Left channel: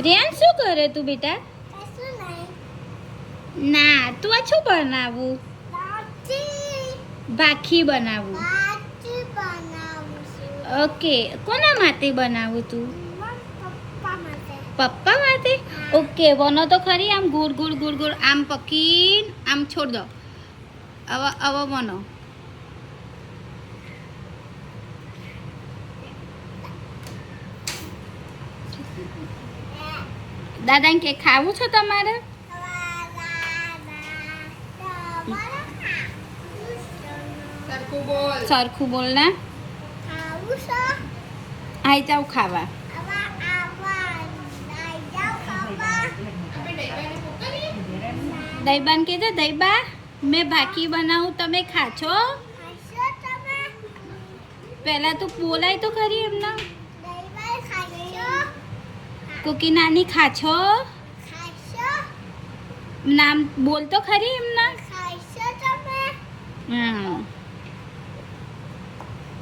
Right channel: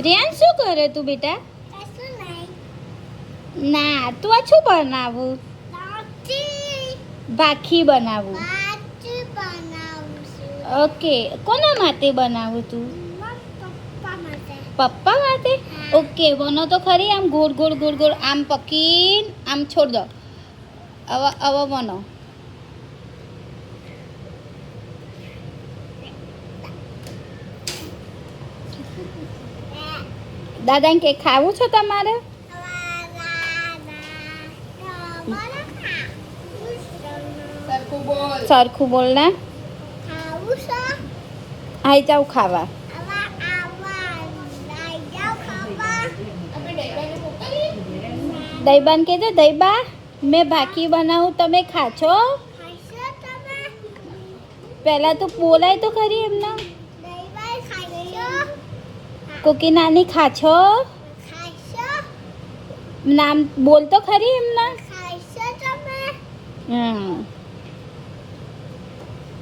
રેન શું કરે તું બેટા? ના તું આ શું બનાવું? ભાખી બનાવું. ઓકે કોના માટે બનાવું તું? પપ્પા માટે? ઓકે બનો તો ખરી આમ ગોળ ગોળ ગોળ ગોળ આમ પકીન આમ છોડ દો. હવે બનો. દાદાને કે ખાવું છે તમારે? સરખું બોલ ને. આઈ જાવ ખાવા. દઈબાન કહેજો દઈબા મેં ભાખી બનાવું તમે ખાશો? પહેલાં તું બોલાય તો ખરી એમના. કોકી નાની ખાશો? નામ બોલ તો ખરી એમના. હા